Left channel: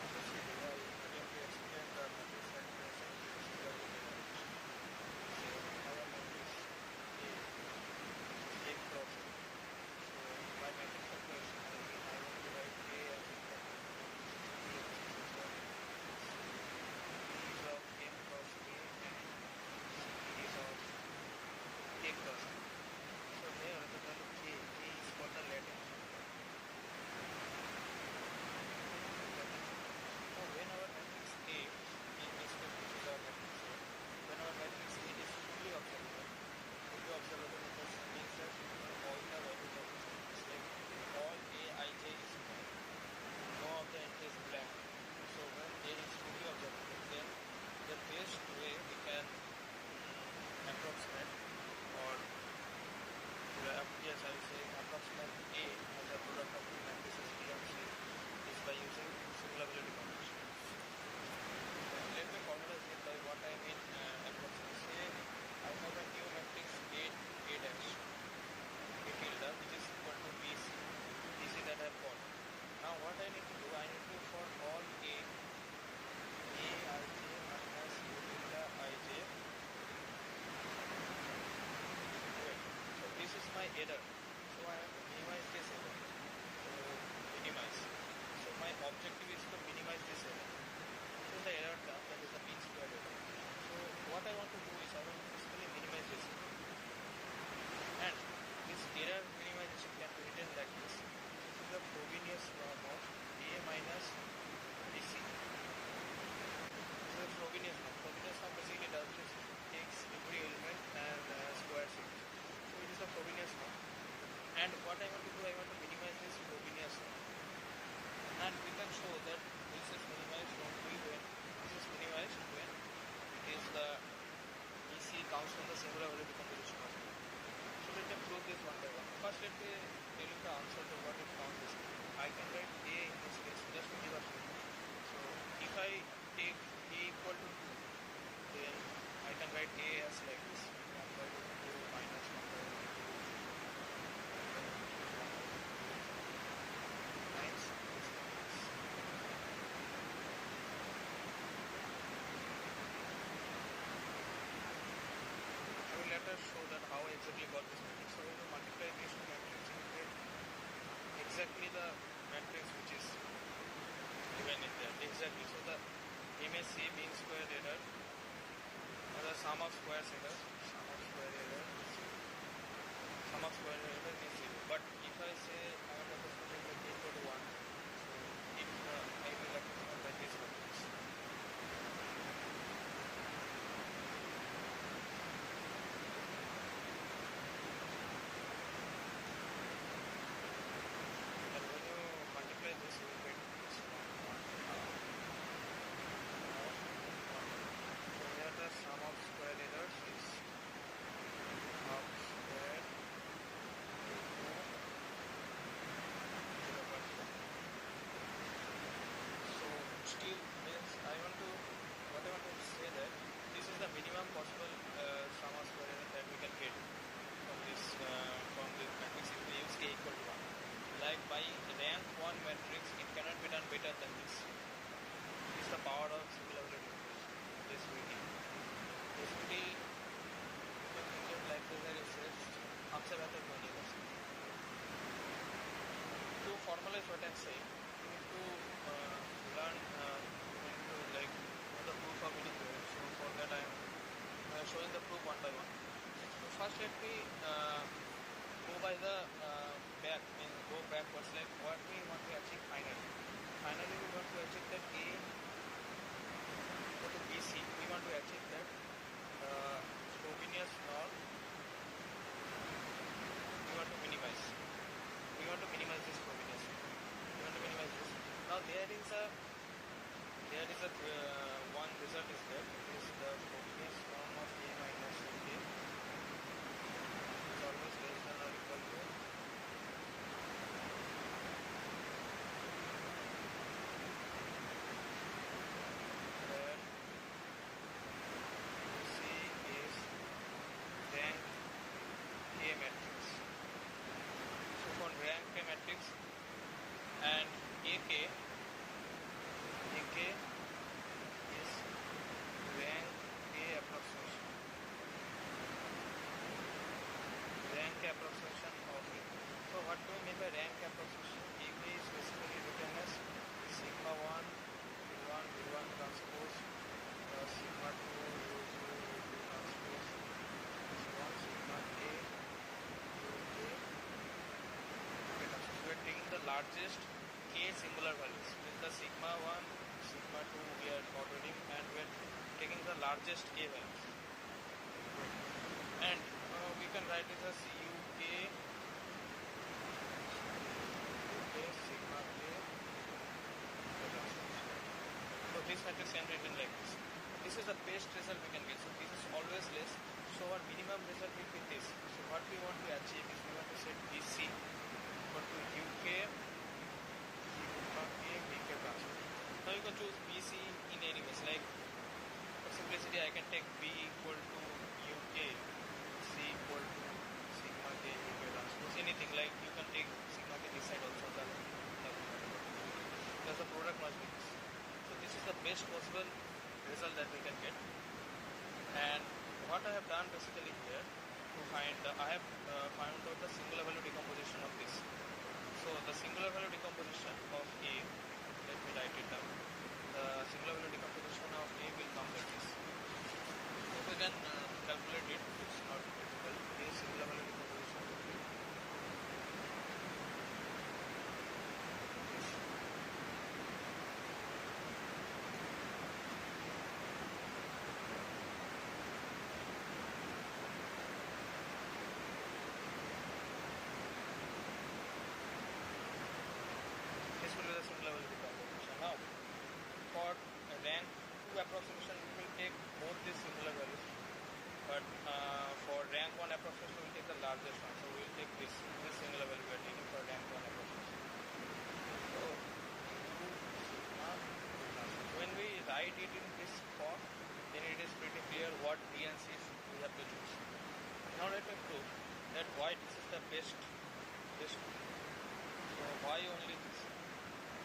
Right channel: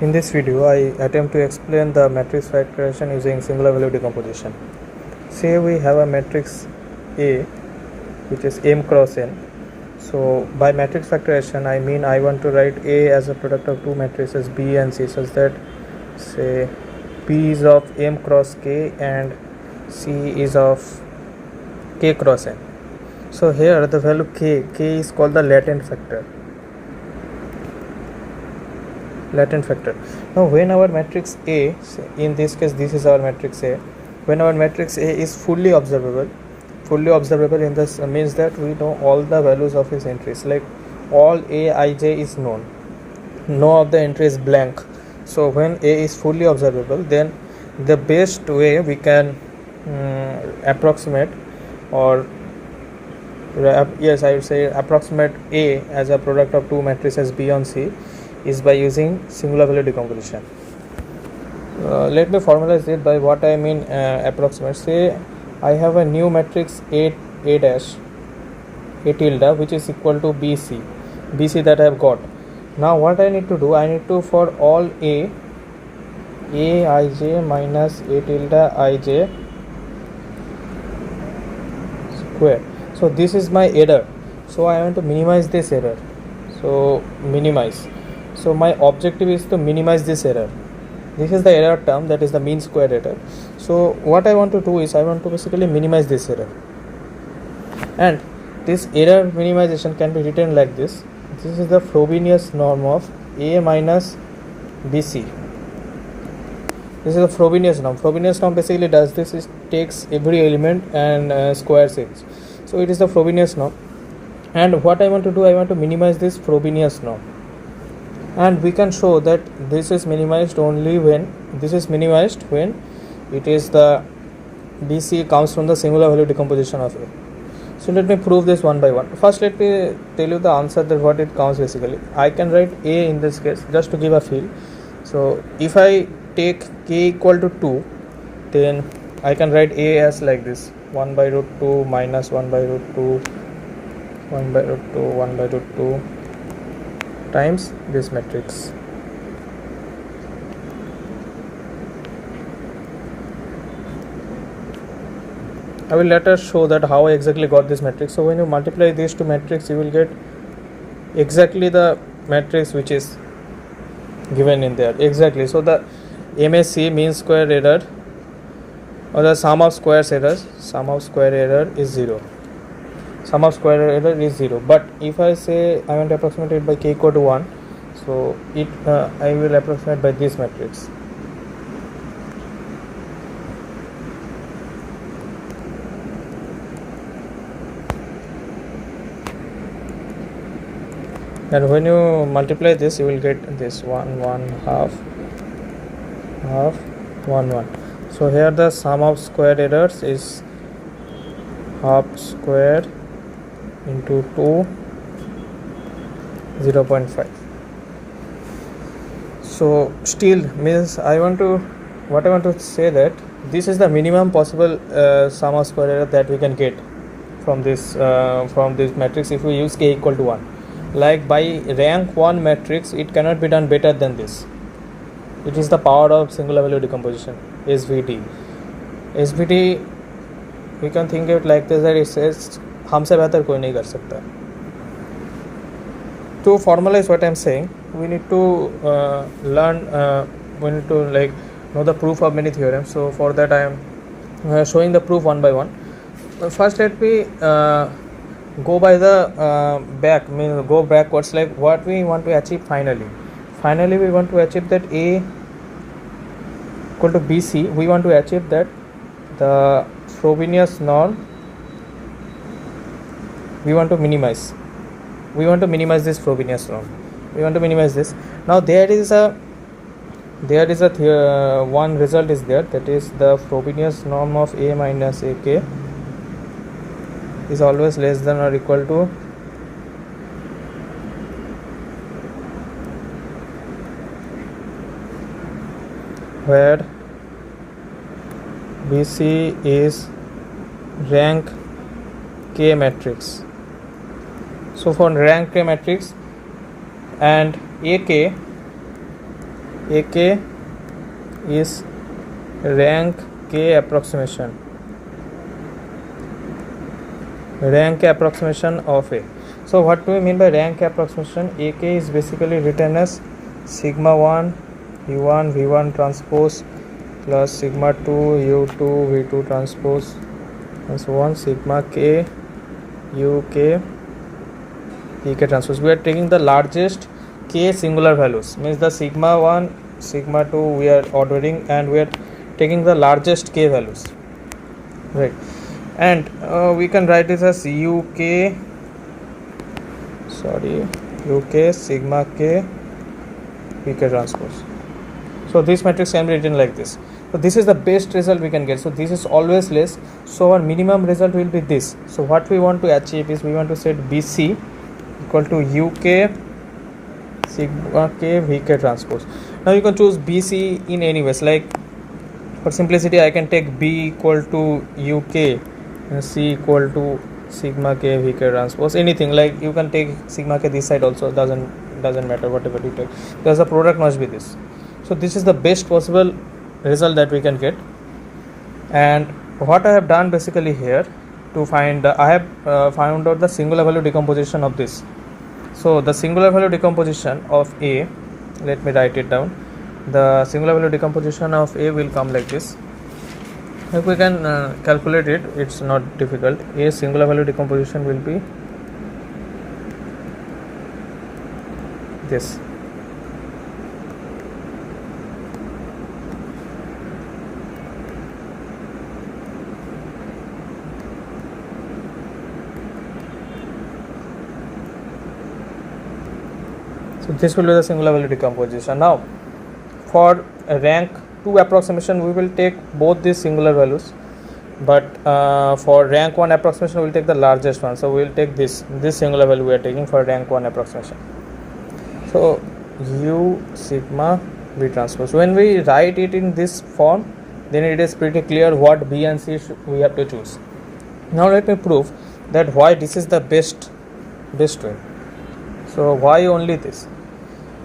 In this video, I attempt to explain the matrix factorization using singular value decomposition. Say we have a matrix A which is m cross n. So by matrix factorization, I mean I want to write A as a product of two matrices B and C such that say P is of m cross k and C is of k cross n. So here the value k is called the latent factor. Now when our matrix A, in this case this is our matrix A, when our matrix A is fully observable in this means that we know all the values of its entries, like all Aij is known, no of the entry is blank. So when A is fully observable, then the best way we can approximate, or yes, I would say approximate A as a product of two matrices B on C is by using singular value decomposition. Let me formalize it by what I mean approximate. Say I have a new matrix A dash A tilde which is equal to BC that I have got. Now what I need to do, I need to for all Aij minus A tilde Ij square. So this is my error. So I want to minimize this error. So minimize. So my objective is to minimize this error. This is the error term, that is the mean square error. So what I want to do is I want to basically minimize this error. And this error minimization can be written like this. This is the Frobenius norm of A minus BC. This is the Frobenius norm. Frobenius norm basically does this, it takes every element and squares it. So it is the Frobenius norm. And what I want to do, I want to minimize this Frobenius norm. And we can show that this is minimized only when it is the BC comes from the singular value decomposition of A. So let me prove this one by one. First let me tell you the answer, that what it counts basically. I can write A in this case just to give a feel. So if I take k equal to 2, then I can write A as like this: 1 by root 2 minus 1 by root 2 1 by root 2 1 by root 2 times this matrix. I will later show that how I exactly got this matrix. So when you multiply these two matrices, you will get exactly the matrix which is given in there, exactly. So the MSE, mean square error, or the sum of square error is 0. Sum of square error is 0. But if I say I want to approximate it by k equal to 1, so I will approximate by this matrix. And when you multiply this, you will get this 1 1 half 1 1. So here the sum of square errors is half square into 2 0.5. So still means I want to say that this is the minimum possible sum of square error that we can get from this matrix if we use k equal to 1. Like by rank 1 matrix, it cannot be done better than this. It is the power of singular value decomposition, SVD. SVD, we can think of it like this, that it says हमसे बेहतर कोई नहीं कर सकता. To formalize what I am saying, we need to know the proof of many theorems. So for that I am showing the proof one by one. First let me go by the go backwards, like what we want to achieve finally. Finally we want to achieve that A equal to BC. We want to achieve that the Frobenius norm we want to minimize this Frobenius norm. We want to minimize this. Now there is a one result is there, that is the Frobenius norm of A minus AK is always less than or equal to where BC is rank K matrix. So for rank K matrix and AK AK is rank k approximation of A. So what do we mean by rank approximation? AK is basically written as sigma 1 U1 V1 transpose plus sigma 2 U2 V2 transpose and so on, sigma k UK EK transpose. We are taking the largest k singular values, means the sigma 1 sigma 2 we are ordering and we are taking the largest k values, right? And we can write this as UK sigma k PK transpose. So this matrix can be written like this. So this is the best result we can get. So this is always less. So our minimum result will be this. So what we want to achieve is we want to set BC equal to UK sigma k VK transpose. Now you can choose BC in any ways. Like for simplicity, I can take B equal to UK and C equal to sigma k VK transpose. Anything, like you can take sigma k this side also, doesn't matter whatever you take, because the product must be this. So this is the best possible result that we can get. And what I have done basically here to find I have found out the singular value decomposition of this. So the singular value decomposition of A, let me write it down. The singular value decomposition of A will come like this. If we can calculate it, it's not difficult. A singular value decomposition will be this. So this will be the singular value decomposition. Now for rank 2 approximation we will take both these singular values, but for rank 1 approximation we will take the largest one. So we will take this singular value we are taking for rank 1 approximation. So U sigma V transpose. When we write it in this form, then it is pretty clear what B and C we have to choose. Now let me prove that why this is the best way. So why only this?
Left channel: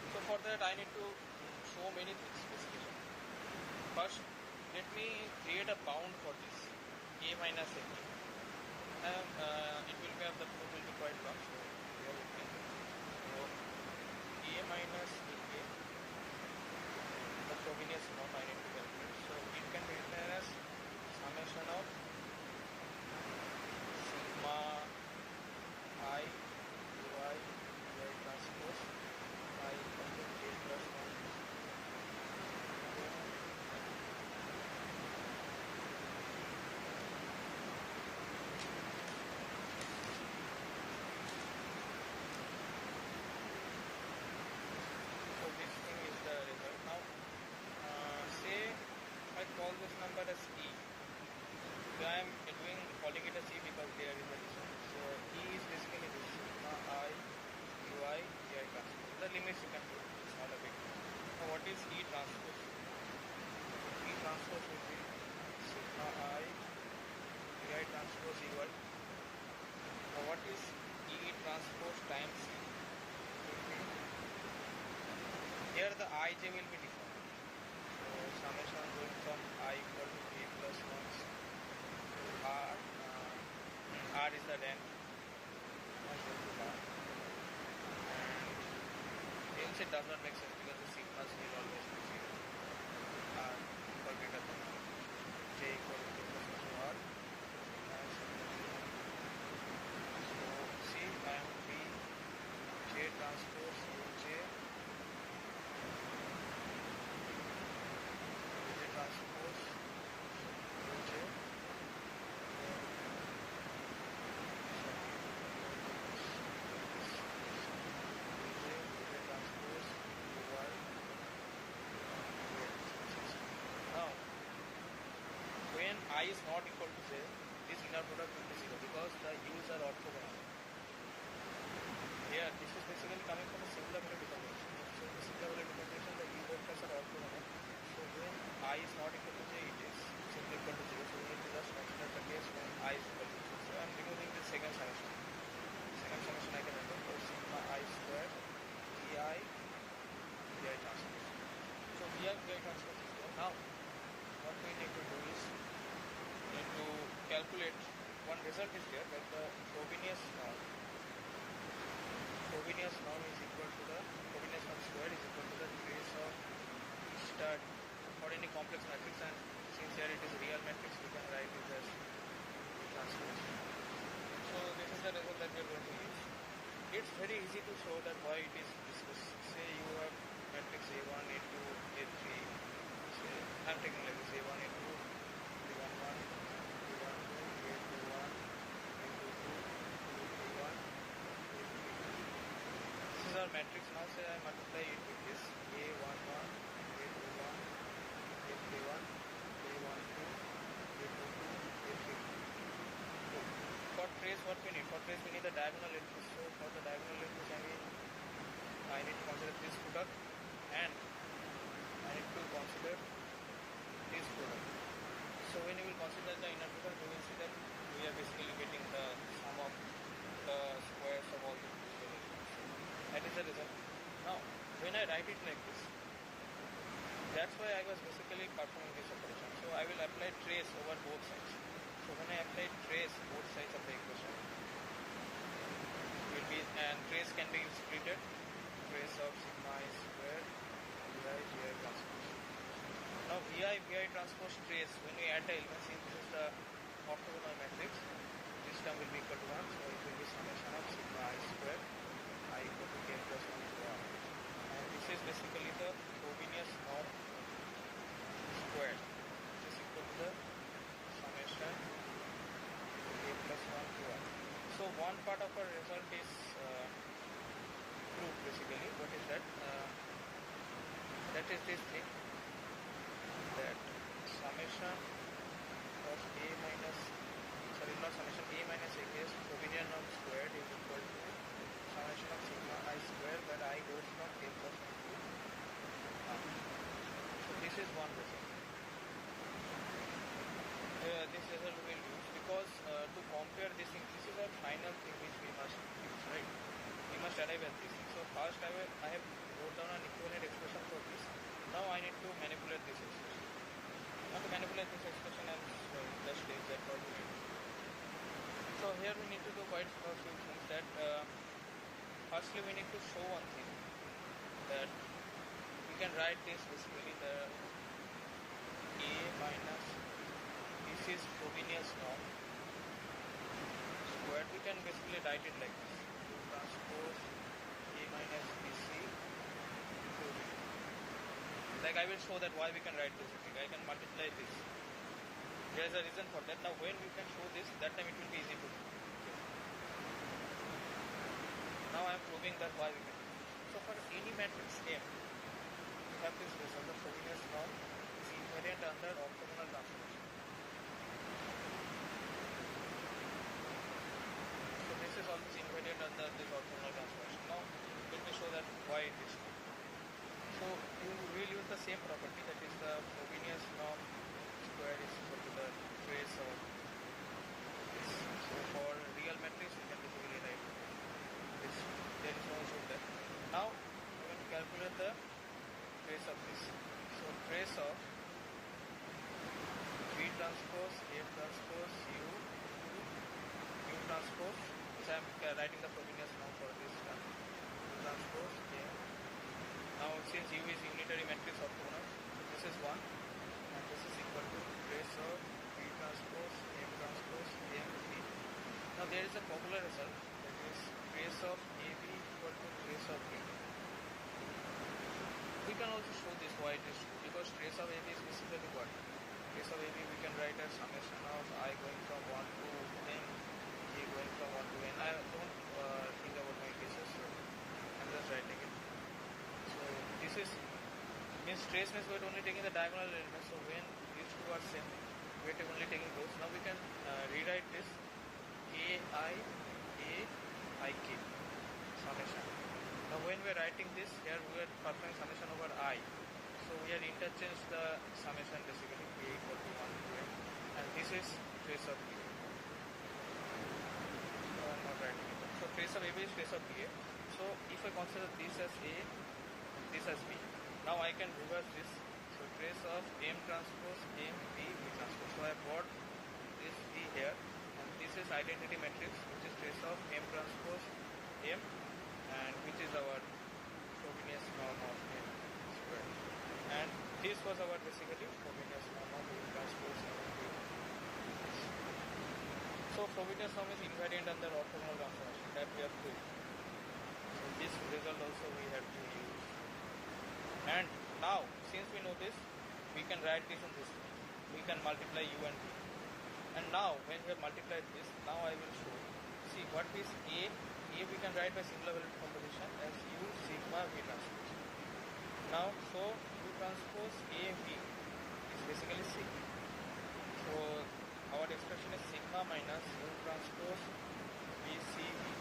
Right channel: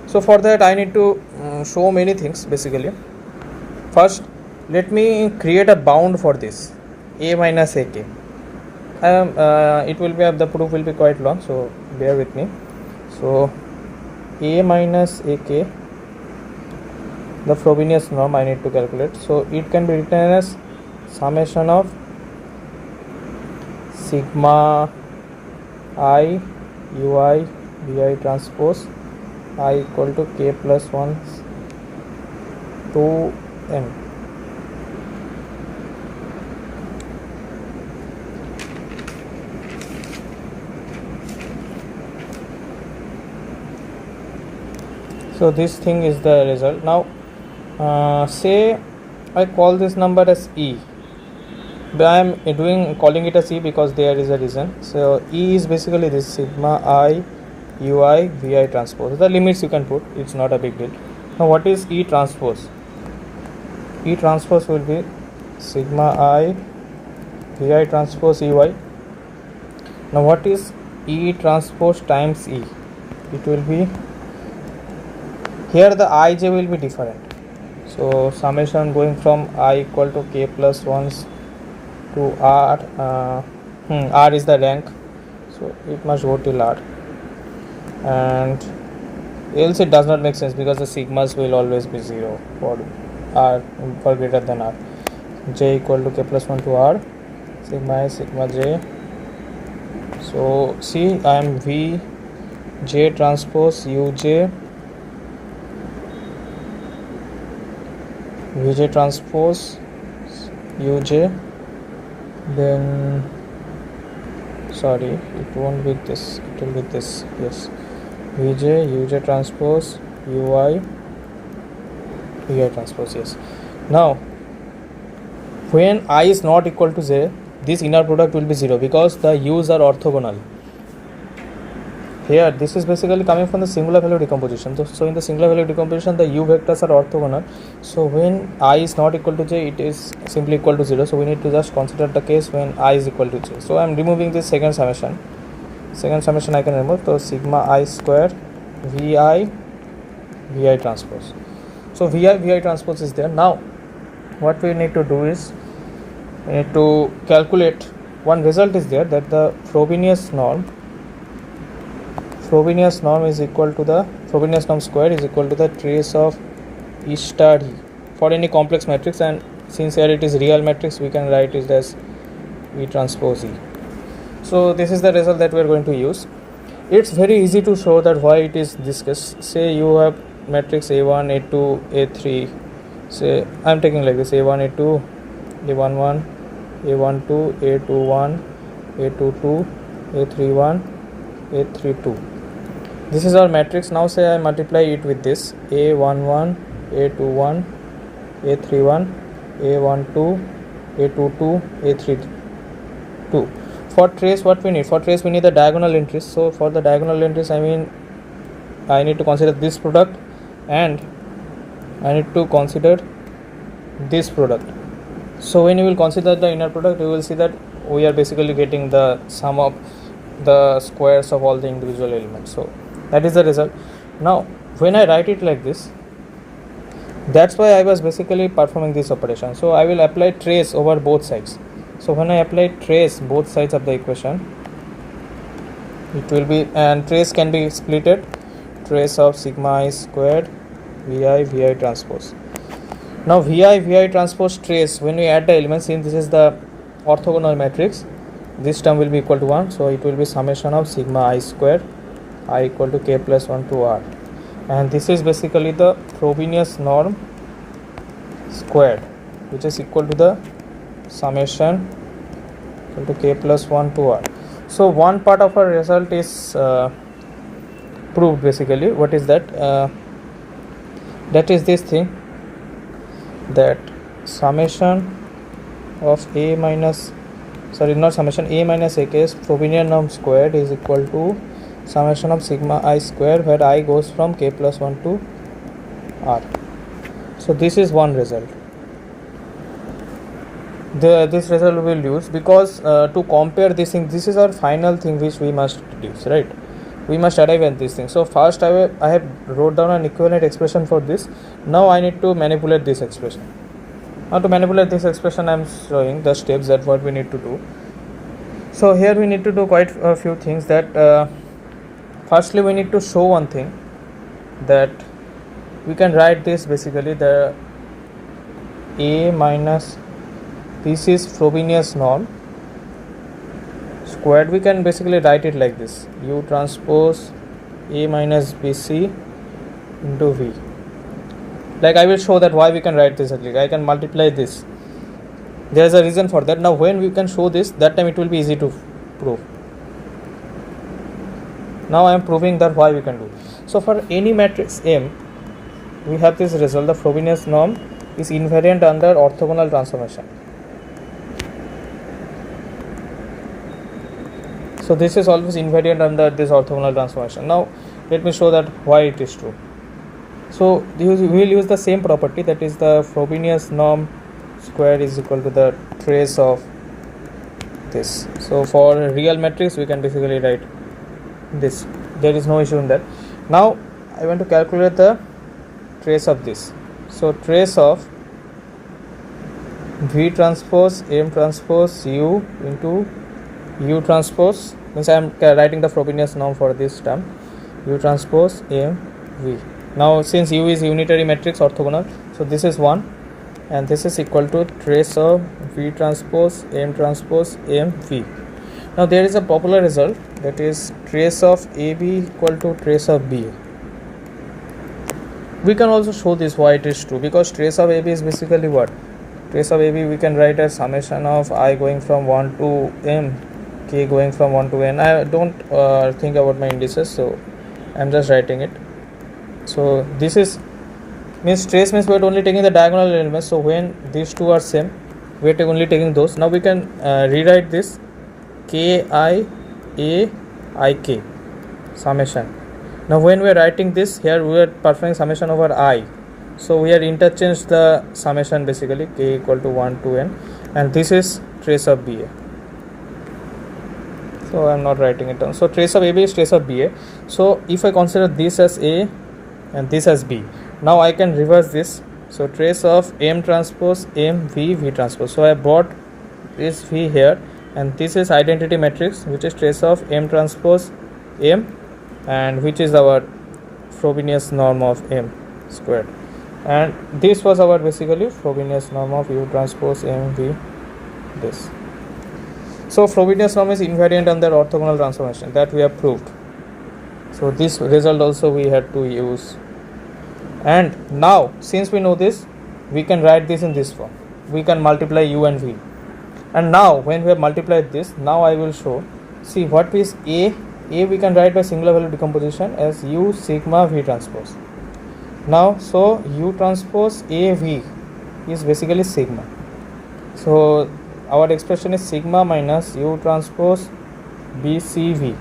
So for that I need to show many things basically. First, let me create a bound for this A minus AK. It will be, the proof will be quite long, so bear with me. So A minus AK, the Frobenius norm I need to calculate. So it can be written as summation of sigma I UI VI transpose I equal to k plus 1 to m. So this thing is the result. Now say I call this number as E, but I am calling it as E because there is a reason. So E is basically this sigma I UI VI transpose. The limits you can put, it's not a big deal. Now what is E transpose? E transpose will be sigma I VI transpose EY. Now what is E transpose times E? It will be, here the ij will be different. So summation going from I equal to k plus 1 to R. R is the rank, so it must go till R. And else it does not make sense because the sigmas will always be 0 for R, for greater than R. J equal to k plus 1 to R, sigma I sigma j. So see, I am V J transpose Uj Vj transpose Uj, then sorry, it won't be this, it will be this, yes, Vj Uj transpose Ui Vi transpose, yes. Now when I is not equal to j, this inner product will be 0 because the u's are orthogonal. Here this is basically coming from the singular value decomposition. So in the singular value decomposition the u vectors are orthogonal. So when I is not equal to j, it is simply equal to 0. So we need to just consider the case when I is equal to j. So I am removing this second summation. Second summation I can remove. So sigma I square Vi transpose. So vi transpose is there. Now what we need to do is we need to calculate one result is there, that the Frobenius norm is equal to the Frobenius norm square is equal to the trace of E star E for any complex matrix, and since here it is real matrix, we can write it as V transpose E. So this is the result that we are going to use. It's very easy to show that why it is this case. Say you have matrix A1, A2, A3. Say I'm taking like this: A1, A2, A11, A12, A21, A22, A31, A32. This is our matrix. Now say I multiply it with this: A11, A21, A31, A12, A22, A32. For trace, what we need? For trace, we need the diagonal entries. So for the diagonal entries, I need to consider this product, and I need to consider this product. So when you will consider the inner product, you will see that we are basically getting the sum of the squares of all the individual elements. So that is the result. Now when I write it like this, that's why I was basically performing this operation. So I will apply trace over both sides. So when I apply trace both sides of the equation, it will be, and trace can be splitted, trace of sigma I squared vi transpose. Now vi transpose trace, when we add the elements, since this is the orthogonal matrix, this term will be equal to 1, so it will be summation of sigma I square I equal to k plus 1 to r, and this is basically the Frobenius norm squared, which is equal to the summation equal to k plus 1 to r. So one part of our result is proved basically. What is that? That is this thing, that summation of a minus ak's Frobenius norm squared is equal to summation of sigma I square, where I goes from k plus 1 to r. So this is one result. This result we will use because to compare this thing, this is our final thing which we must deduce, right? We must arrive at this thing. So first I have wrote down an equivalent expression for this. Now I need to manipulate this expression. Now to manipulate this expression, I am showing the steps that what we need to do. So here we need to do quite a few things. That firstly we need to show one thing, that we can write this basically the a minus, this is Frobenius norm squared. We can basically write it like this: u transpose a minus bc into v. Like I will show that why we can write this actually. I can multiply this. There is a reason for that. Now when we can show this, that time it will be easy to prove. Now I am proving that why we can do. So for any matrix M, we have this result: the Frobenius norm is invariant under orthogonal transformation. So this is always invariant under this orthogonal transformation. Now let me show that why it is true. So we will use the same property, that is the Frobenius norm square is equal to the trace of this. So for real matrix we can basically write this. There is no issue in that. Now I want to calculate the trace of this. So trace of V transpose M transpose U into U transpose, means I am writing the Frobenius norm for this term, U transpose M V. Now since U is unitary matrix orthogonal, so this is 1 and this is equal to trace of V transpose M transpose M V. Now there is a popular result, that is trace of AB equal to trace of BA. We can also show this why it is true, because trace of AB is basically what? Trace of AB we can write as summation of I going from 1 to M, k going from 1 to n. I don't think about my indices, so I am just writing it. So this is means trace means we are only taking the diagonal elements. So when these two are same, we are only taking those. Now we can rewrite this k I a I k summation. Now when we are writing this, here we are performing summation over I. So we are interchanged the summation basically, k equal to 1 to n, and this is trace of BA. So I am not writing it down. So trace of AB is trace of BA. So if I consider this as A and this as B, Now I can reverse this. So trace of M transpose M V V transpose. So I brought this V here, and this is identity matrix, which is trace of M transpose M, and which is our Frobenius norm of M squared. And this was our basically Frobenius norm of U transpose M V this. So Frobenius norm is invariant under orthogonal transformation, that we have proved. So this result also we had to use. And now since we know this, we can write this in this form. We can multiply U and V. And now when we have multiplied this, now I will show, see what is A. A we can write by singular value decomposition as U sigma V transpose. Now so U transpose A V is basically sigma. So our expression is sigma minus U transpose B C V.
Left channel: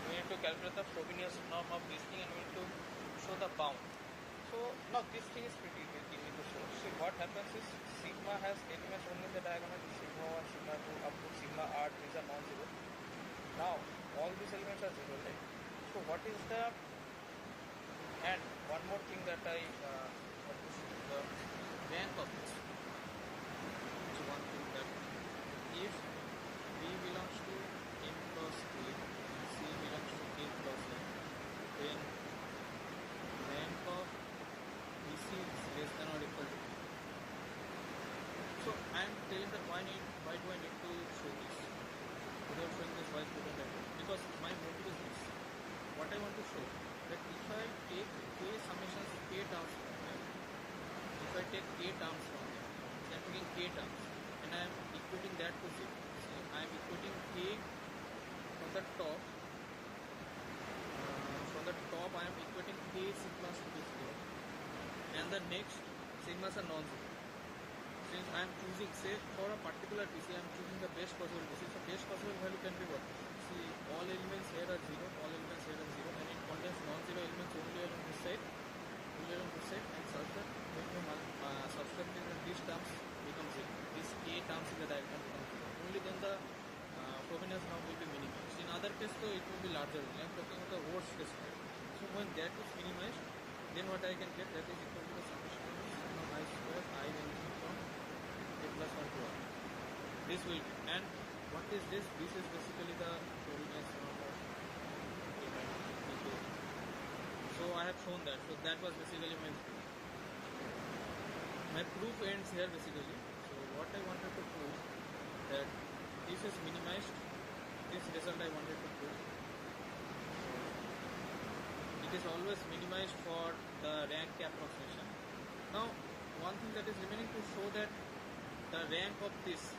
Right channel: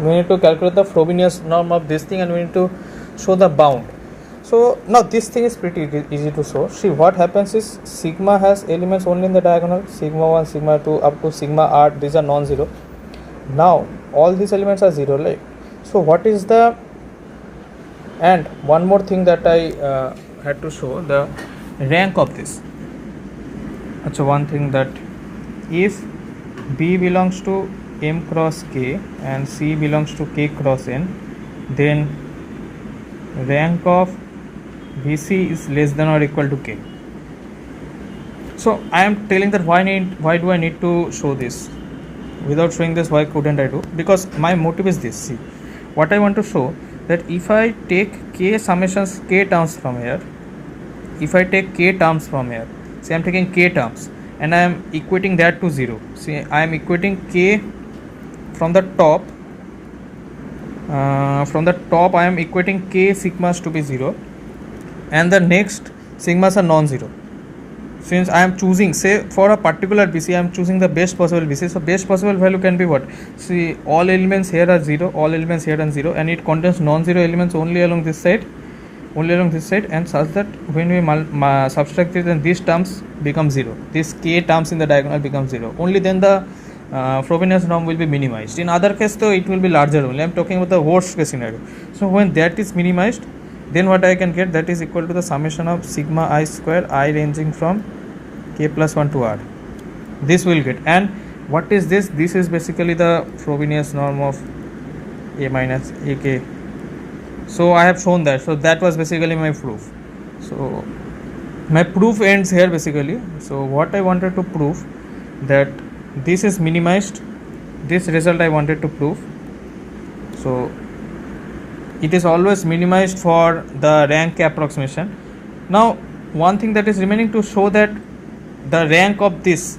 We need to calculate the Frobenius norm of this thing, and we need to show the bound. So now this thing is pretty easy to show. See what happens is sigma has elements only in the diagonal, sigma 1, sigma 2 up to sigma r, these are non-zero. Now all these elements are zero, right? So what is the, and one more thing that I had to show, the rank of this. So one thing, that if B belongs to M cross K and C belongs to K cross N, then rank of BC is less than or equal to K. So I am telling that why do I need to show this? Without showing this, why couldn't I do? Because my motive is this. See, what I want to show, that if I take K summations K terms from here, if I take K terms from here, see I am taking K terms and I am equating that to 0. See, I am equating K from the top. I am equating K sigmas to be 0, and the next sigmas are non-zero. Since I am choosing, say for a particular BC, I am choosing the best possible BC. So best possible value can be what? See, all elements here are 0, all elements here are 0, and it contains non-zero elements only along this side, and such that when we subtract it, then these terms become 0. These K terms in the diagonal become 0. Only then the Frobenius norm will be minimized. In other case though, it will be larger only. I am talking about the worst case scenario. So when that is minimized, then what I can get, that is equal to the summation of sigma I square, I ranging from K plus 1 to R. This will get. And what is this? This is basically the Frobenius norm of A minus AK. So I have shown that. So that was basically my proof. So my proof ends here basically. So what I wanted to prove, that this is minimized, this result I wanted to prove. So it is always minimized for the rank approximation. Now one thing that is remaining, to show that the rank of this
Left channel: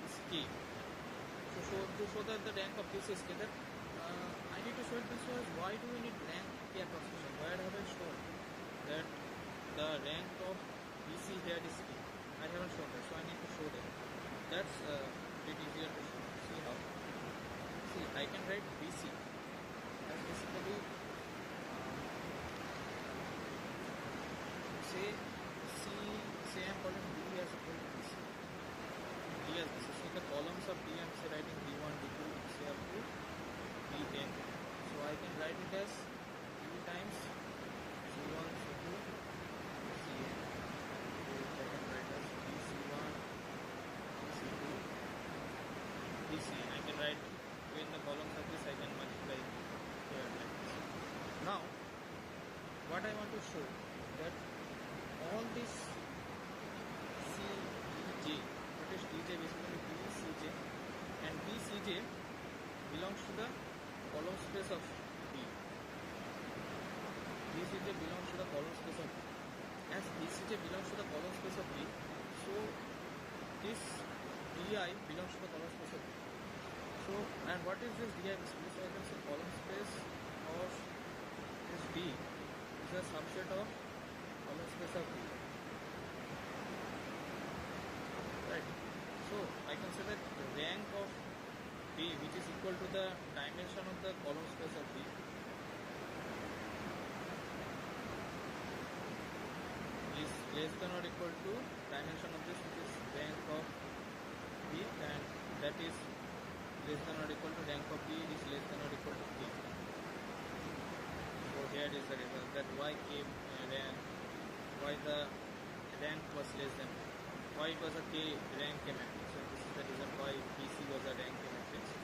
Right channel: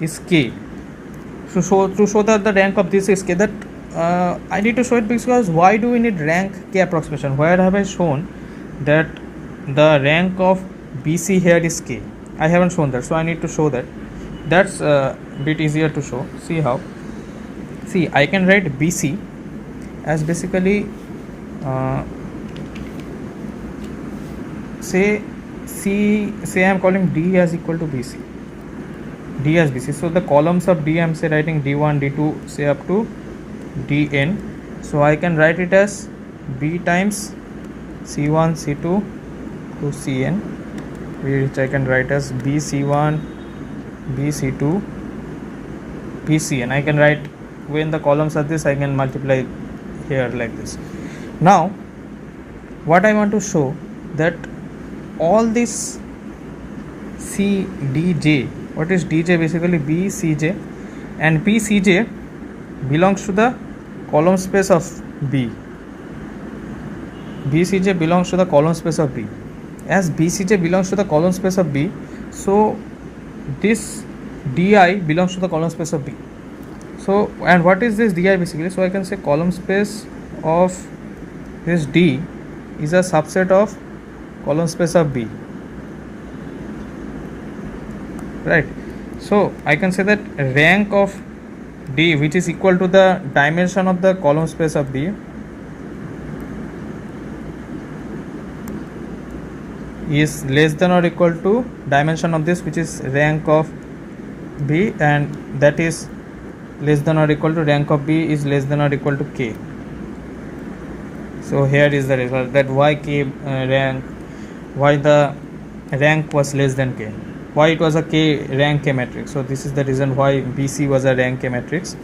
is K. So to show that the rank of this is K, that I need to show it, because why do we need rank K approximation? Where have I shown that the rank of BC here is K? I haven't shown that, so I need to show that. That's a bit easier to show. See how? See, I can write BC as basically say I am calling D as equal to BC. D as BC. So the columns of D I am say writing D1, D2, say up to Dn. So I can write it as B times C1, C2 to Cn, which I can write as BC1, BC2, BCn. I can write, when the columns are this, I can multiply here like this. Now what I want to show, that all this CDJ, what is DJ? Basically BCJ, and BCJ belongs to the column space of B. BCJ belongs to the column space of B. As BCJ belongs to the column space of B, so this DI belongs to the column space of B. So, and what is this DI basically? So I can say column space of this D is a subset of column space of B, right? So I can say that rank of D, which is equal to the dimension of the column space of B, is less than or equal to dimension of this, which is rank of B, and that is less than or equal to rank of B is less than or equal to K. So here is the result, that why k rank, why the rank was less than k, why it was a k rank k matrix. So this is the reason why BC was a rank k matrix.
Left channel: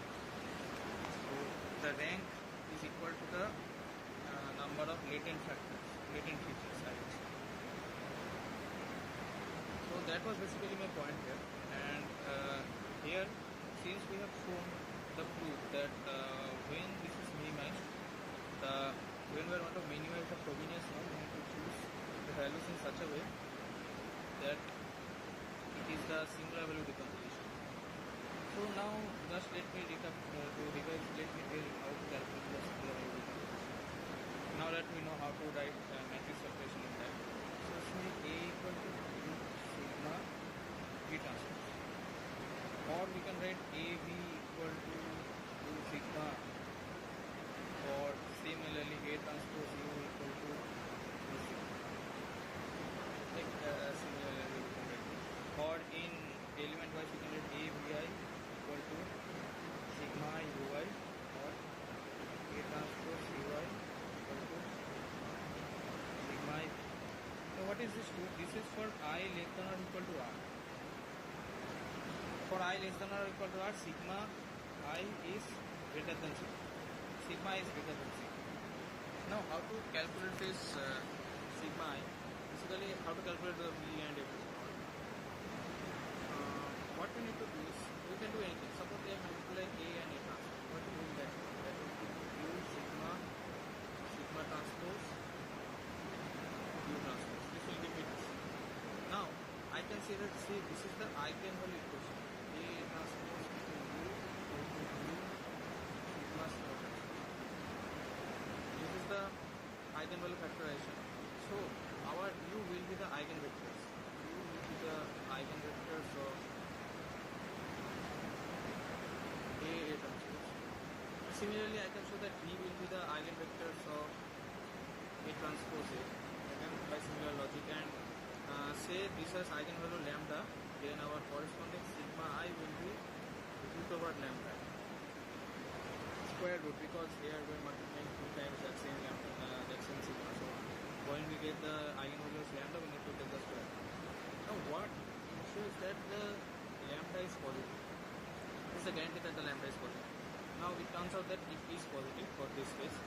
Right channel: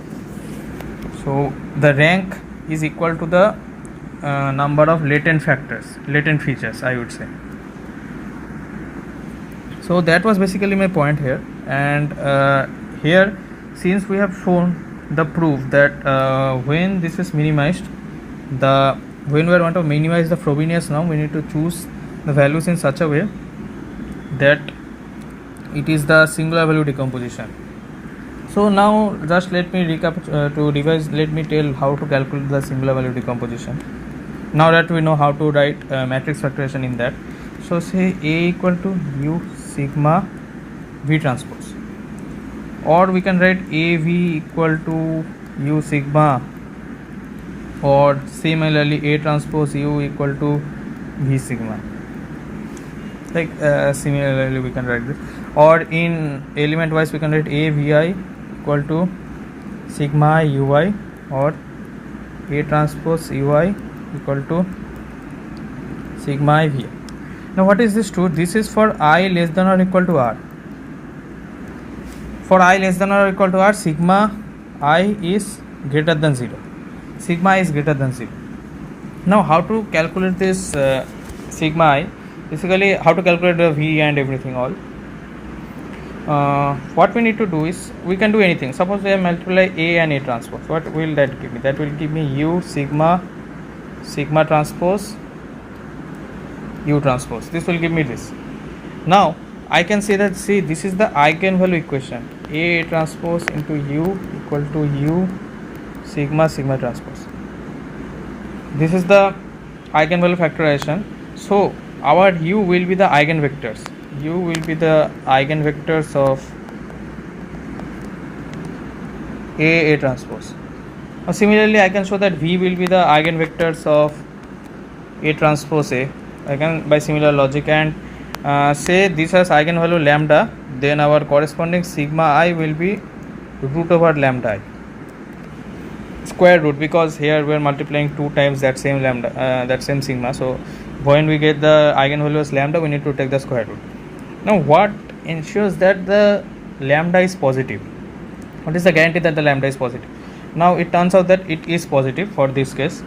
So the rank is equal to the number of latent features, I would say. So that was basically my point here. And here, since we have shown the proof that when this is minimized, when we want to minimize the Frobenius norm, we need to choose the values in such a way that it is the singular value decomposition. So now just let me recap to revise. Let me tell how to calculate the singular value decomposition. Now that we know how to write matrix factorization in that, so say A equal to U sigma V transpose, or we can write AV equal to U sigma, or similarly A transpose U equal to V sigma. Like similarly we can write this, or in element wise we can write AVI equal to sigma UI, or A transpose UI equal to sigma V. Now what is this true? This is for I less than or equal to R. For I less than or equal to R, sigma I is greater than 0. Sigma is greater than 0. Now how to calculate this sigma I? Basically how to calculate the V and everything all. What we need to do is, we can do anything. Suppose I multiply A and A transpose. What will that give me? That will give me U sigma transpose U transpose. This will give me this. Now I can say that, see, this is the eigenvalue equation. A transpose into U equal to U sigma transpose. This is the eigenvalue factorization. So our U will be the eigenvectors. U will be the eigenvectors of A transpose. Now similarly I can show that V will be the eigenvectors of A transpose A, again by similar logic, and say this has eigenvalue lambda, then our corresponding sigma I will be root over lambda I, square root, because here we are multiplying 2 times that same lambda, that same sigma. So when we get the eigenvalue as lambda, we need to take the square root. Now what ensures that the lambda is positive? What is the guarantee that the lambda is positive? Now it turns out that it is positive for this case,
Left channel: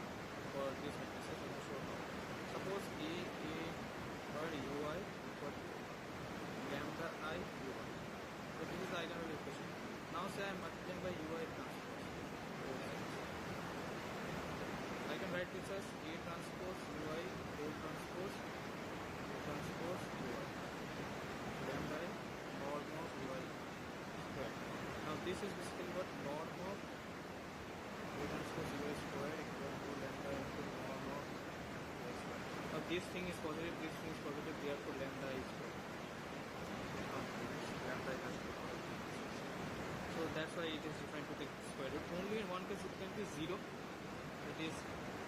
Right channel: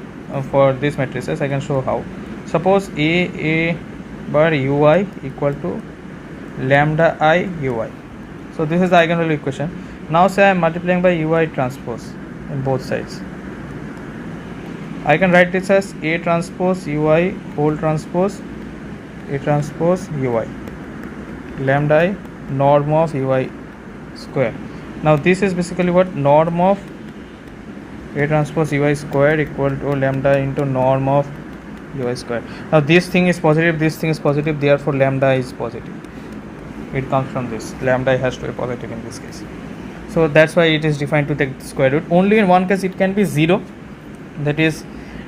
for these matrices. I can show how. Suppose A bar ui equal to lambda I ui. So this is the eigenvalue equation. Now say I am multiplying by ui transpose in both sides. I can write this as A transpose ui whole transpose A transpose ui lambda I norm of ui square. Now this is basically what? Norm of A transpose ui square equal to lambda into norm of ui square. Now this thing is positive, this thing is positive, therefore lambda is positive. It comes from this. Lambda has to be positive in this case. So that's why it is defined to take the square root. Only in one case it can be 0. That is,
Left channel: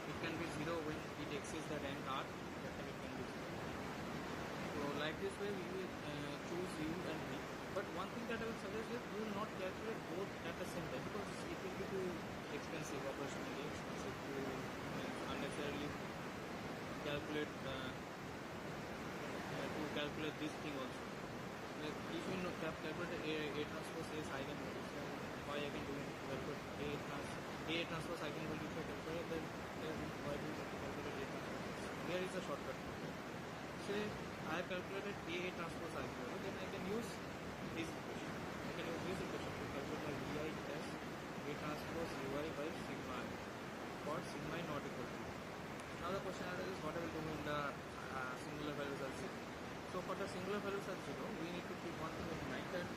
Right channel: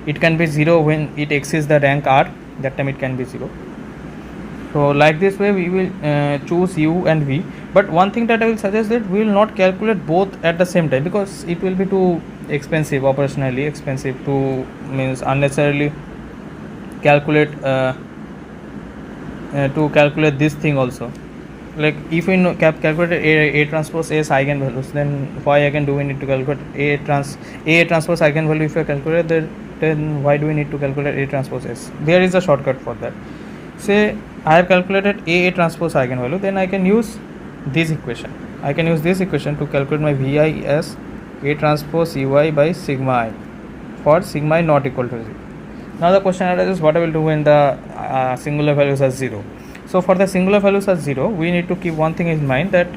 it can be 0 when it exceeds the rank R. That time it can be 0. So like this way we will choose U and V. But one thing that I will suggest, that we will not calculate both at the same time, because it will be too expensive, operationally expensive, to means unnecessarily calculate this thing also. Like if we know calculate A transpose A's eigenvalues, then why again do we need to calculate A transpose eigenvalue? If we calculate that, then why do we need to calculate A transpose S? There is a shortcut for that. Say I have calculated A transpose eigenvalue, then I can use this equation. I can use this equation to calculate my VI as A transpose UI by sigma I for sigma I not equal to 0. Now the question arises, what I will do when the singular values are 0. So for the singular values are 0, we need to keep one thing in mind, that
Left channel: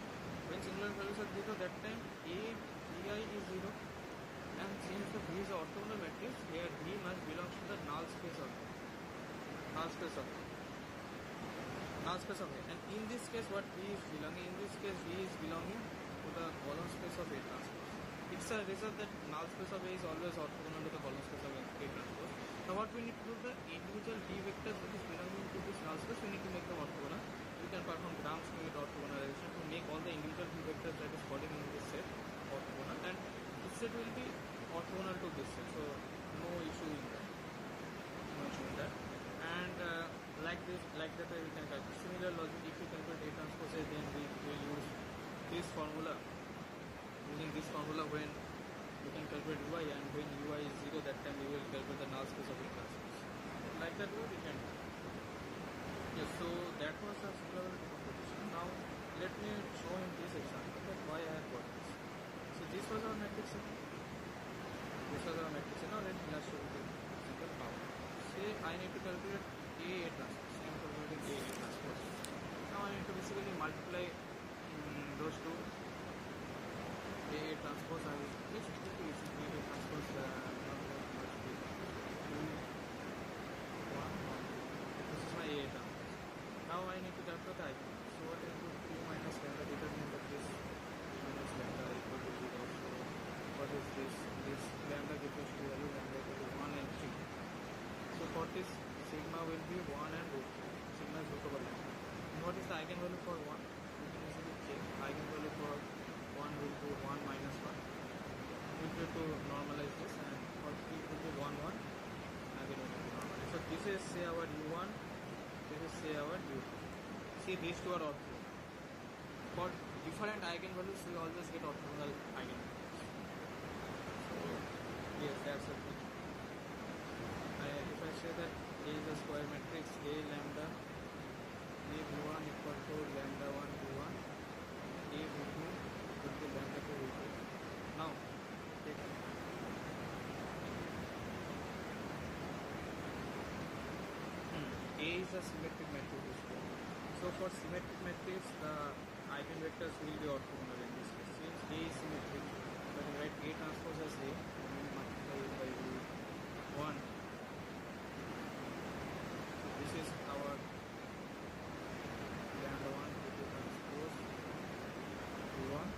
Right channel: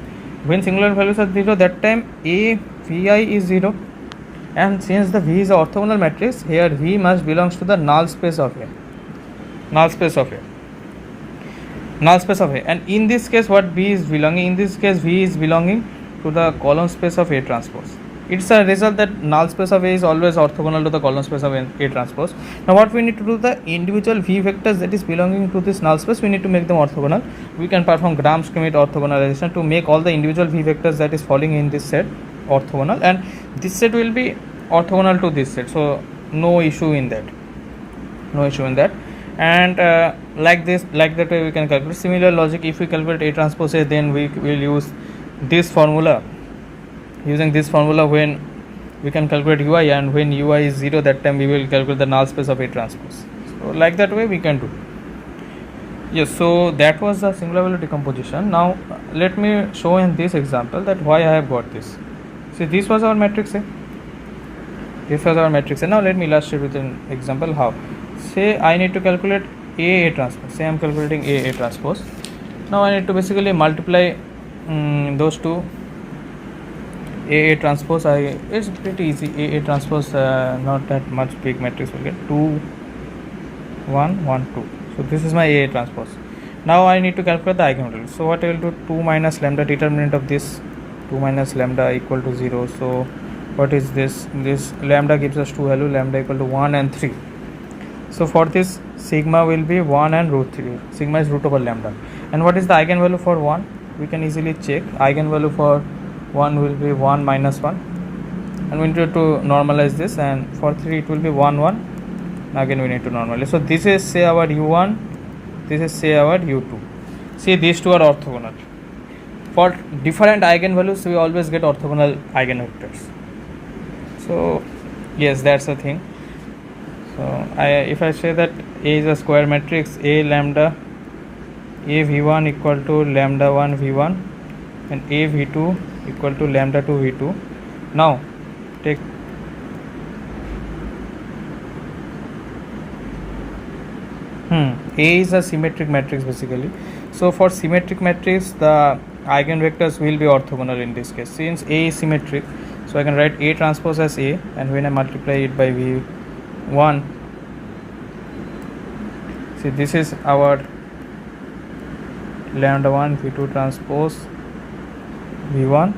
when singular values are 0, that time A VI is 0, and since the V is an orthogonal matrix, here V must belongs to the null space of A. And in this case, what V is belonging? In this case, V is belonging to the column space of A transpose. It's a result that null space of A is always orthogonal to the column space of A transpose. Now what we need to do, the individual V vectors that is belonging to this null space, we need to make them orthogonal. We can perform Gram-Schmidt orthogonalization to make all the individual V vectors that is falling in this set orthogonal, and this set will be orthogonal to this set. So no issue in that. no issue in that. And like that way we can calculate. Similar logic, if we calculate A transpose A, then we will use this formula. Using this formula, when we can calculate ui, and when ui is 0, that time we will calculate the null space of A transpose. So like that way we can do. Yes, so that was the singular value decomposition. Now let me show in this example that why I have got this. See, this was our matrix A. This was our matrix A. Now let me illustrate with an example how. Say I need to calculate A transpose. Say I am calculating A transpose. Now I need to basically multiply those two. A transpose, it's pretty easy. A transpose, not that much big matrix will get 2 1 1 2. So this is my A transpose. Now I need to calculate the eigenvalue. So what I will do, 2 minus lambda, determinant of this 2 minus lambda equal to 0. So what is this? This lambda gives us two value, lambda equal to 1 and 3. So for this, sigma will be 1 and root 3. Sigma is root over lambda. And what is the eigenvalue for 1? We can easily check. Eigenvalue for 1 will be 1 minus 1. And we need to normalize this. And for 3 it will be 1 1. Again we need to normalize. So this is say our u1. This is say our u2. See, these two are orthogonal. For different eigenvalues we always get orthogonal eigenvectors. So yes, that's the thing. So if I say that A is a square matrix, A lambda, A v1 equal to lambda 1 v1 and A v2 equal to lambda 2 v2. Now take A is a symmetric matrix basically. So for symmetric matrix, the eigenvectors will be orthogonal in this case. Since A is symmetric, so I can write A transpose as A, and when I multiply it by v1, see, this is our lambda 1 v2 transpose v1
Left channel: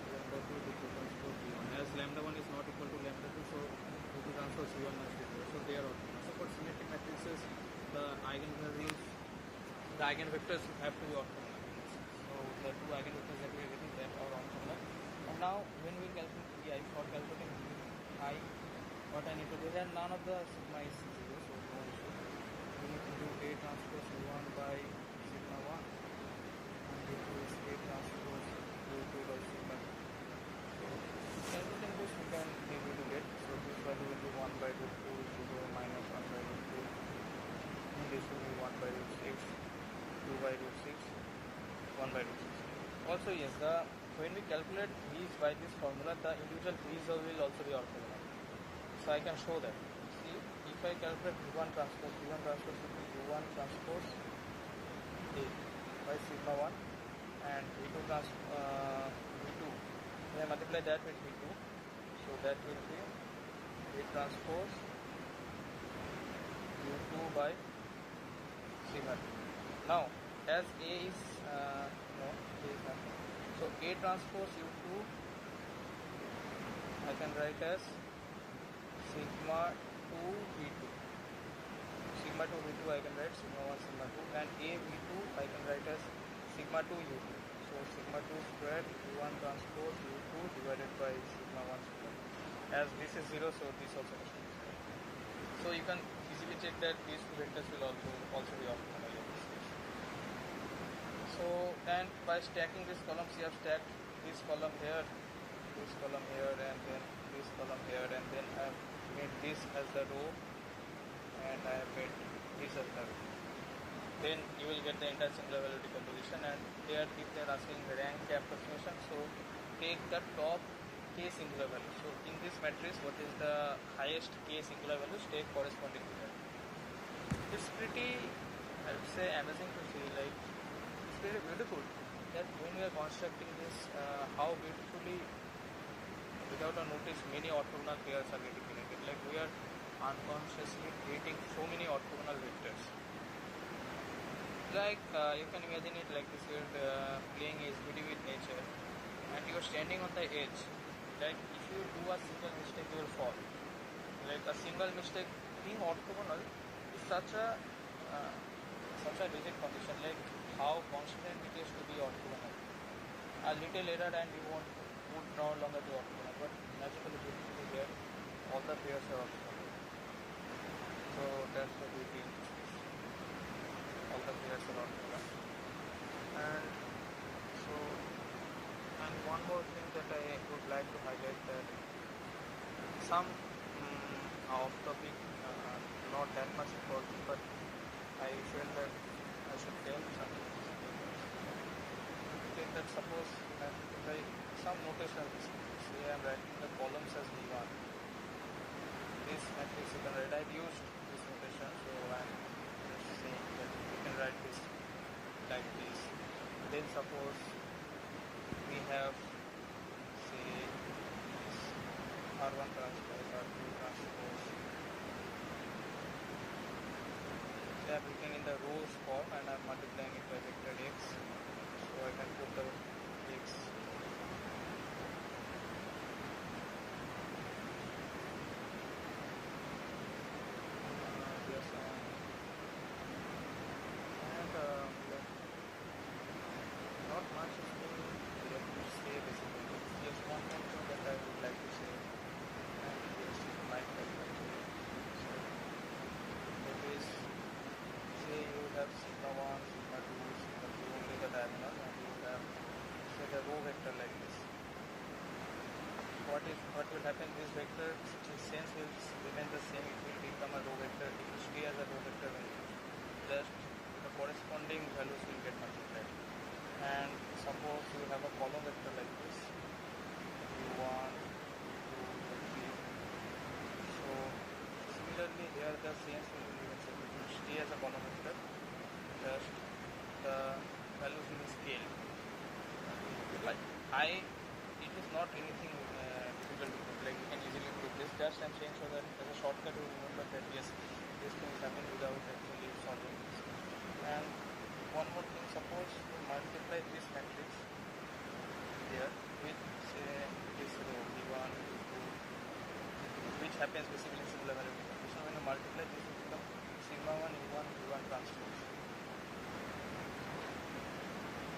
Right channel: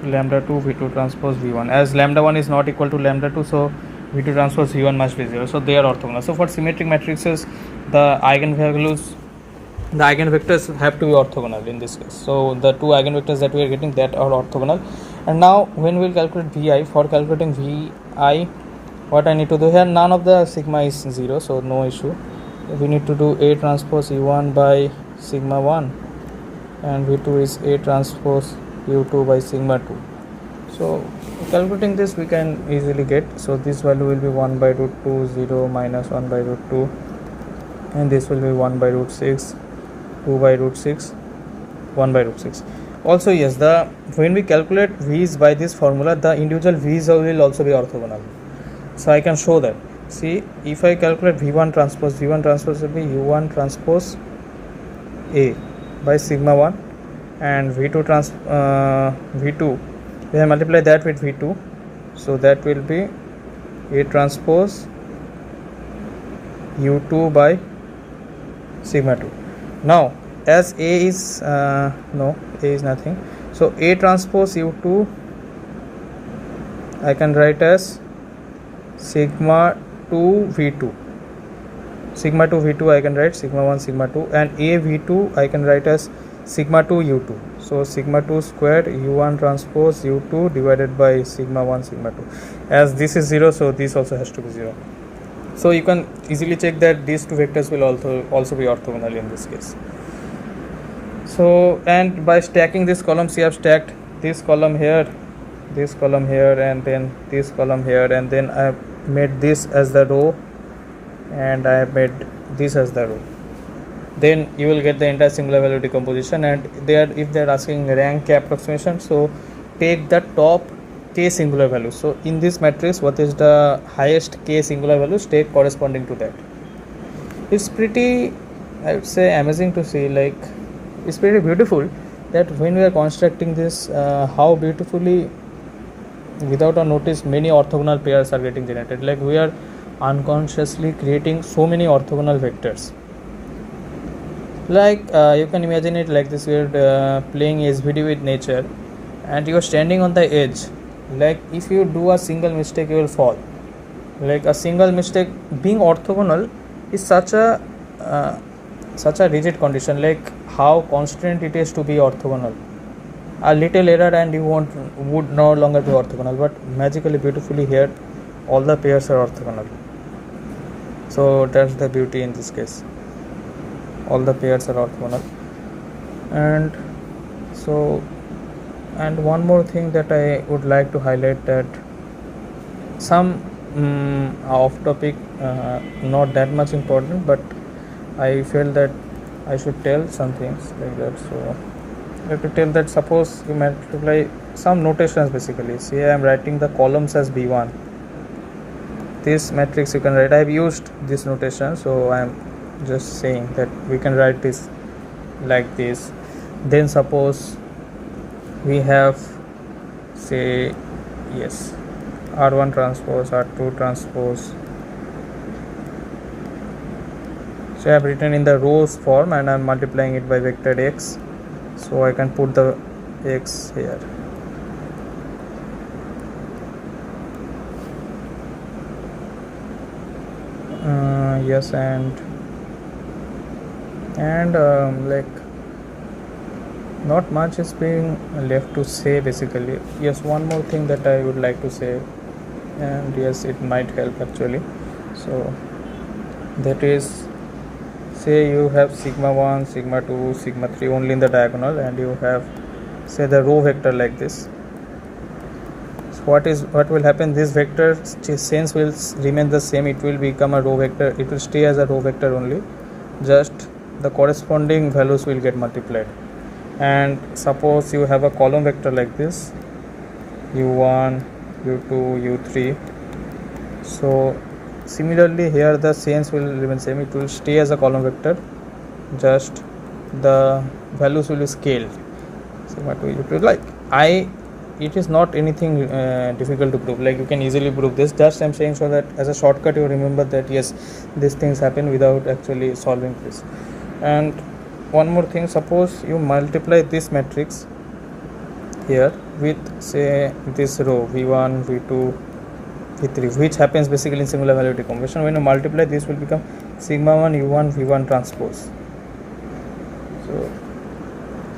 to lambda 2 v2 transpose v1. As lambda 1 is not equal to lambda 2, so v2 transpose v1 must be 0. So they are orthogonal. So for symmetric matrices, the eigenvalues, the eigenvectors have to be orthogonal in this case. So the two eigenvectors that we are getting, that are orthogonal. And now when we will calculate vi, for calculating vi, what I need to do here, none of the sigma is 0, so no issue. We need to do A transpose u1 by sigma 1, and v2 is A transpose u2 by sigma 2. So calculating this we can easily get. So this value will be 1 by root 2, 0 minus 1 by root 2, and this will be 1 by root 6, 2 by root 6, 1 by root 6. Also yes, when we calculate v's by this formula, the individual v's will also be orthogonal. So I can show that. See, if I calculate v1 transpose will be u1 transpose A by sigma 1, and v2 we have multiplied that with v2, so that will be A transpose u2 by sigma 2. Now as A is A is nothing, so A transpose u2 I can write as sigma 2 v2. Sigma 2 v2 I can write sigma 1 sigma 2, and A v2 I can write as sigma 2 u2. So sigma 2 squared u1 transpose u2 divided by sigma 1 sigma 2. As this is 0, so this also has to be 0. So you can easily check that these two vectors will also be orthogonal in this case. So, and by stacking this column, see, I have stacked this column here, and then this column here, and then I have made this as the row, and I have made this as the row. Then you will get the entire singular value decomposition. And if they are asking rank K approximation, so take the top K singular value. So in this matrix, what is the highest K singular values, take corresponding to that. It's pretty, I would say, amazing to see. Like, it's pretty beautiful that when we are constructing this, how beautifully, without a notice, many orthogonal pairs are getting generated. Like, we are unconsciously creating so many orthogonal vectors. Like, you can imagine it like this: we're playing SVD with nature, and you're standing on the edge. Like, if you do a single mistake, you will fall. Like, a single mistake, being orthogonal is such a rigid condition. Like, how constant it is to be orthogonal. A little error and you would no longer be orthogonal. But magically, beautifully here, all the pairs are orthogonal. So that's the beauty in this case, all the pairs are orthogonal. And so, and one more thing that I would like to highlight, that some off topic, not that much important, but I felt that I should tell some things like that. So I have to tell that suppose you multiply some notations. Basically, see, I am writing the columns as b1. This matrix you can write, I have used this notation, so I am just saying that we can write this like this. Then suppose we have, say, yes, r1 transpose, r2 transpose. So I have written in the rows form and I am multiplying it by vector x, so I can put the x here. Yes, and like not much is being left to say basically. Yes, one more thing that I would like to say, and yes, it might help actually. So that is, say you have sigma 1, sigma 2, sigma 3 only in the diagonal, and you have, say, the row vector like this. So what will happen, this vector sense will remain the same, it will become a row vector, it will stay as a row vector only, just the corresponding values will get multiplied. And suppose you have a column vector like this, u1, u2, u3. So similarly here the sense will remain same, it will stay as a column vector, just the values will be scaled. Sigma 2, u2, like it is not anything difficult to prove, like you can easily prove this. Just I'm saying so that as a shortcut you remember that yes, these things happen without actually solving this. And one more thing, suppose you multiply this matrix here with, say, this row v1, v2, v3, which happens basically in similar value decomposition. When you multiply, this will become sigma 1 u1 v1 transpose. So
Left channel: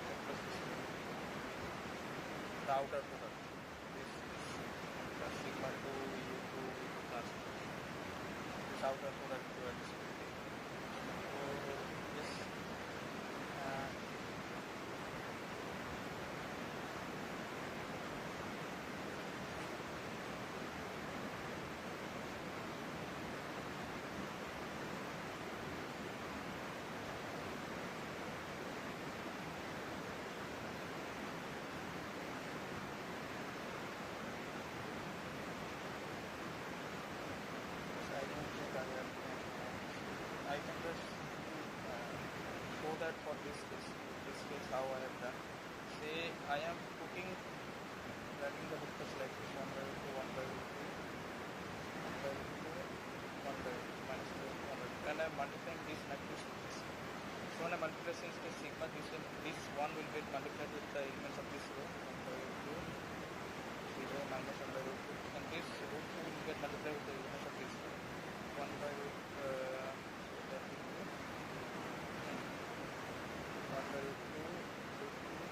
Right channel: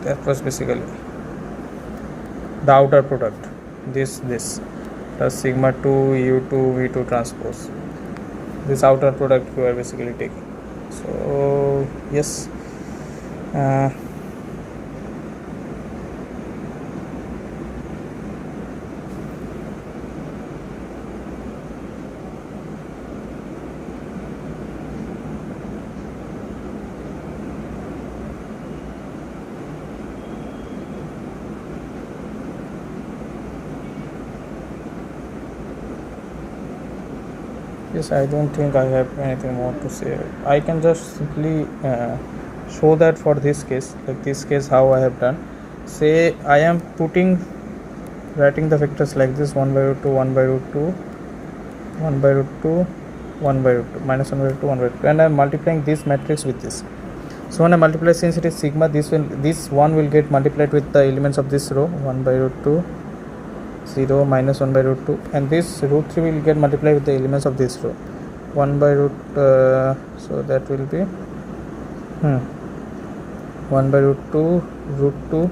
that was basically the outer product, this plus sigma 2 u2 v2 transpose. This outer product you are basically taking. So yes, yes, I don't think I have anything more to say. I can just simply show that for this case, like this case how I have done. Say I am writing the vectors like this, 1 by root 2, 1 by root 2, 1 by root 2, 1 by root 2, minus 1 by root 2, 1 by root 2, and I am multiplying this matrix with this. So when I multiply, since it is sigma, this 1 will get multiplied with the elements of this row, 1 by root 2, 0, minus 1 by root 2, and this root 3 will get multiplied with the elements of this row, 1 by root, so that will be 1 by root 2, root 2,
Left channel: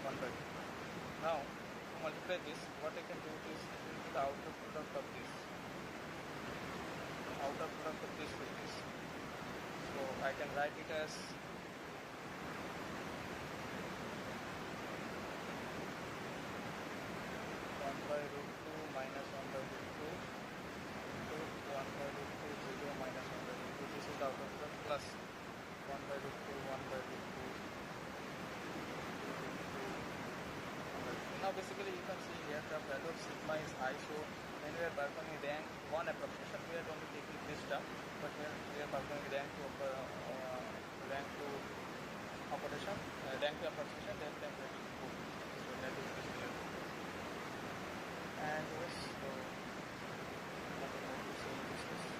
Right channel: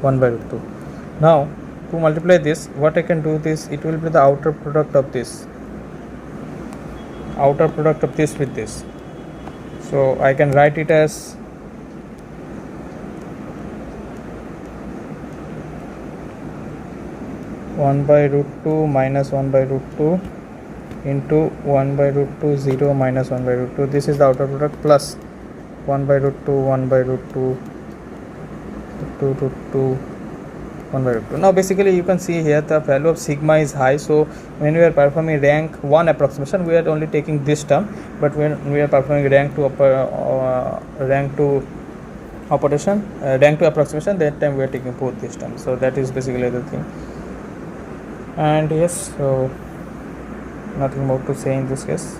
1 by root 2. Now to multiply this, what I can do this, it will be the outer product of this with this. So I can write it as (1 by root 2 minus 1 by root 2 into 1 by root 2 0 minus 1 by root 2. This is the outer product plus 1 by root 2 1 by root 2 2 root 2 1 by root 2. Now basically you can see here the value of sigma is high, so when we are performing rank 1 approximation, we are only taking this term, but when we are performing rank 2 operation, rank 2 approximation, that time we are taking both this term. So that is basically the thing. And yes, so nothing more to say in this case.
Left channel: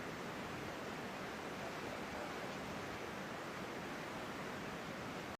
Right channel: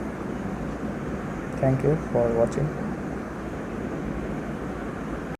Thank you for watching.